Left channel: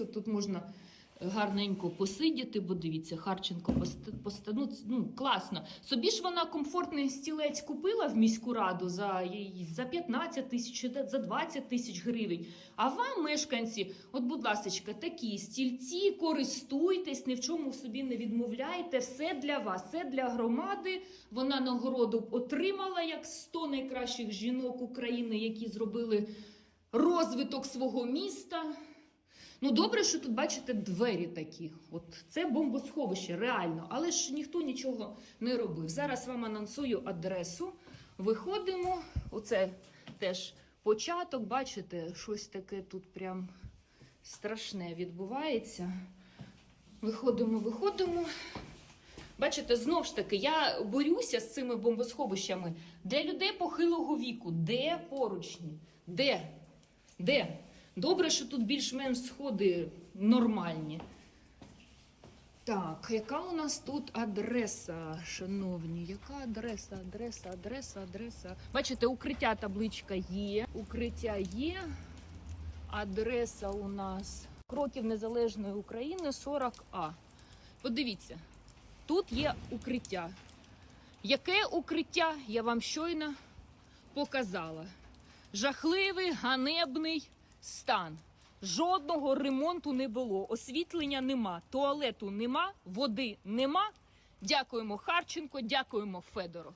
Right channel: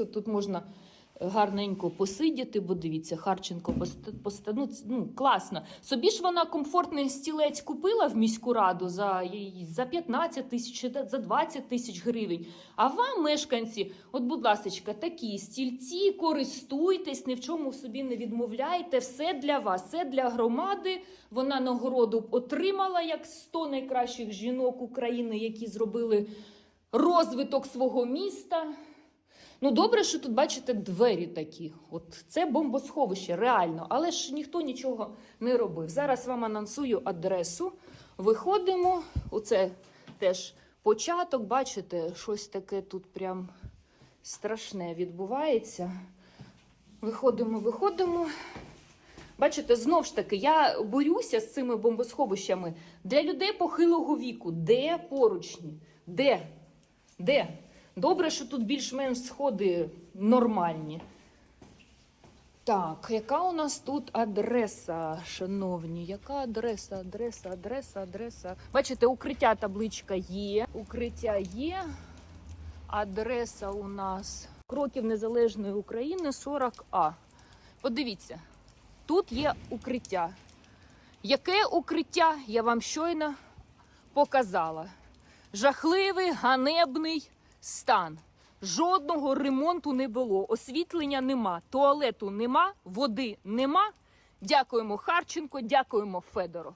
подивитися. Тут можна гарненько посидіти, бо дивіться, Харченко пост- поста- ну, ну, класно. Собі ж вона комфортний стілець купила в міську раду за, за 15 тисяч, за 20 тисяч гривень. А вам, мешканці, от, будь ласка, такі стільці, користуйтесь, ні в чому собі не відмовляйте. Все для вас, все для громади. Вона нагороду отримала як 100 найкращих жінок України, які зробили розвиток свого міста. Ну, добре, що тут бачите двері такі. От це бомбосховище, реально, але ж ніхто нічого не робив. Зараз вам анонсую адресу. Виходимо. Оце теж початок. Бачите, щось таке тут прям страшне відбувається. Виходимо, виходимо. Бачите, знов ж таки, я борюся з цими бомбосховищами для людей похилого віку. Де поручні? Де? Де? Добре, що тут більш-менш сходи нормальні. Так, яка у нас тут адреса, шановні? Яка адреса, адреса, адреса, адреса? Бачите, укриття табличка є. Укриття є. Адреса у нас Кроків Незалежної України 40А. Подивіться, тут є укриття. Яке укриття я вам щойно показала? Жахливий, ганебний стан. Жодного ремонту не було, освітлення нема, туалету нема, води нема. Дякуємо Харченко, дякуємо Федоров.